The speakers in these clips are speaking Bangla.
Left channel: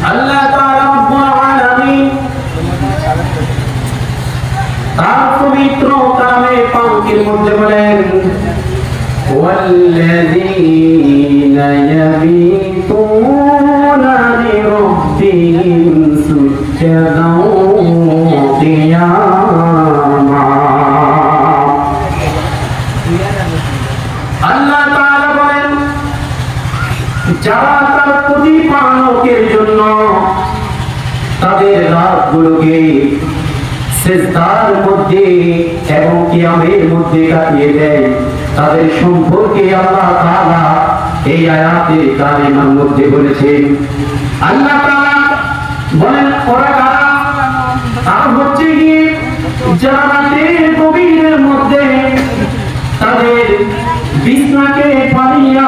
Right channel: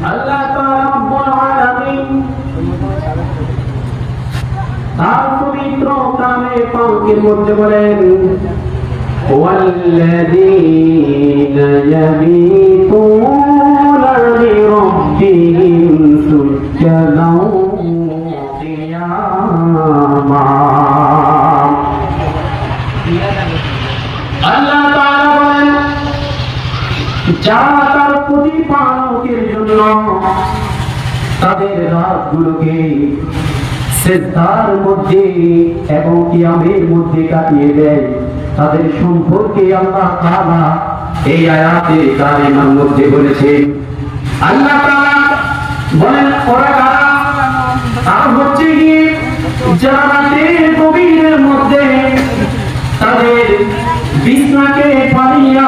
আল্লাহ তাআলা রব্বুল আলামিন তার পবিত্র কালামে পাকের মধ্যে বলেন والذين يبيتون যারা তার প্রতিপালকের জন্য তাদের রাতগুলোকে সেজদার মধ্যে এবং কিয়ামের মধ্যে কাটিয়ে দেয়, তাদের সম্পর্কে আল্লাহ তাআলা এই আয়াতে কারিমার মধ্যে বলেছে আল্লাহ তাআলা বলেন, ওরা কারা? তারা হচ্ছে গিয়ে যারা রাতের গভীরের মধ্যে তাদের বিছনাকে পালিয়া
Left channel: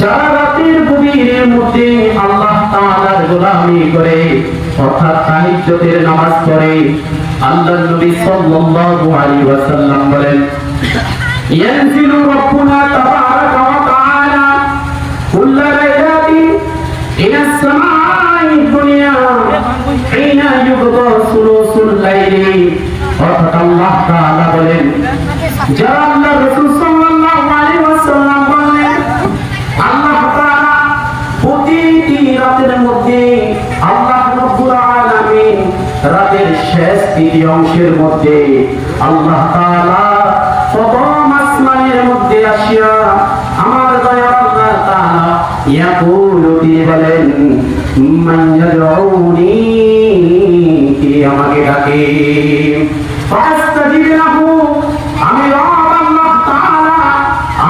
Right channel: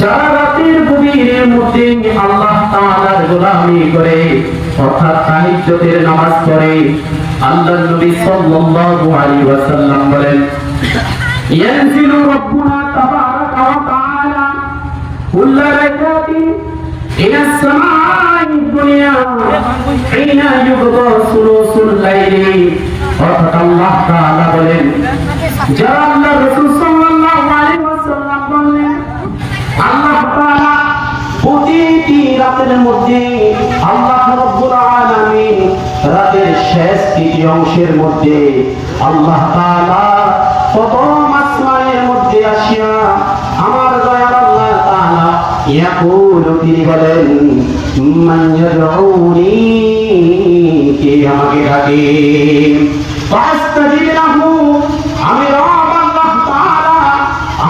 যা রাতের গভীরের মধ্যে আল্লাহ তাআলার গোলামি করে, অর্থাৎ তাহাজ্জুদের নামাজ পড়ে আল্লাহর নবী সাল্লাল্লাহু আলাইহি ওয়াসাল্লাম বলেন, ইয়ানজিলু রাব্বুনা তাবারাকা ওয়া তাআলা কুল্লা রাইতাতিন ইলা সামাই দুনিয়া, হিনা ইউগদা সুলুসুল লাইলি। রাতের মধ্যে আল্লাহ রব্বুল আলামিন রাতের শেষ তৃতীয় অংশের মধ্যে আল্লাহ তাআলা প্রথম আসমানের মধ্যে আসিয়া আমার দয়া আল্লাহ তাআলা ইয়াকুল, তিনি বলেন, মান ইয়াদউনি কে আমাকে ডাকে। আমি রব আল্লাহ তাআলা,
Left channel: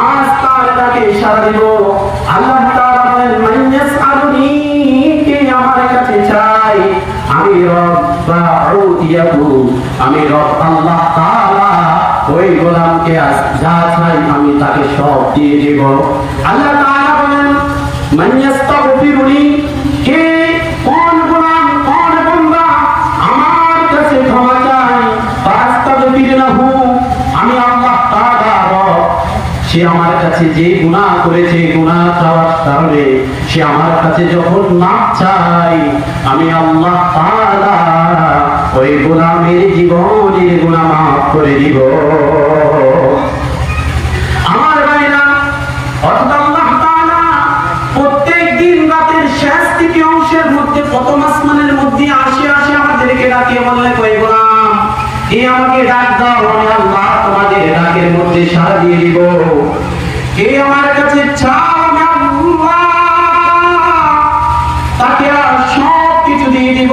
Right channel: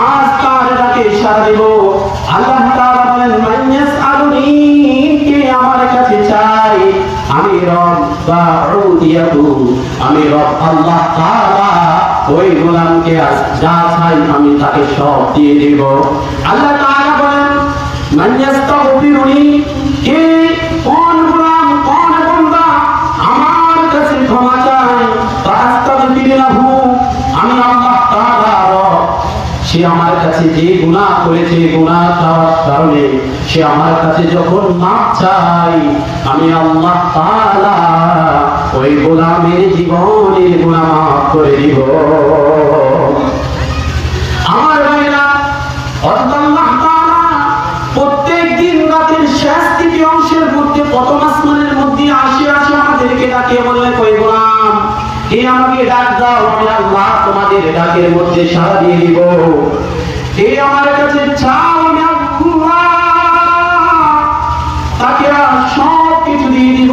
আজ ডাকে সাড়া দিব। আল্লাহ আমি ওই গোলামকে যা চাই আমি তাকে সব দিয়ে দেব। আমি আল্লাহ সে আমার কাছে যে গুনাহ করেছে, গুনাহ চাওয়ার কারণে সে আমার কাছে যখন না চাই আমি আল্লাহ তাআলা ওই গোলামের জীবনের গুনাহ মাফ করে দিব। আমার প্রথম মধ্যে আমাদেরকে কই আমাকে ডাক ডাকের মধ্যে দিয়ে আমার কাছে তাকে আর সব কিছু দিয়ে দিব।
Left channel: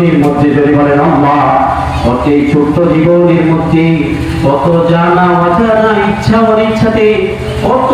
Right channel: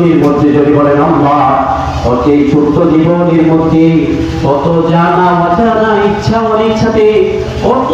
রজনীর মধ্যে যদি বলেন, আল্লাহ তত এই ছোট্ট জীবনের মধ্যে কত জানা অজানা ইচ্ছা অনিচ্ছাতে কত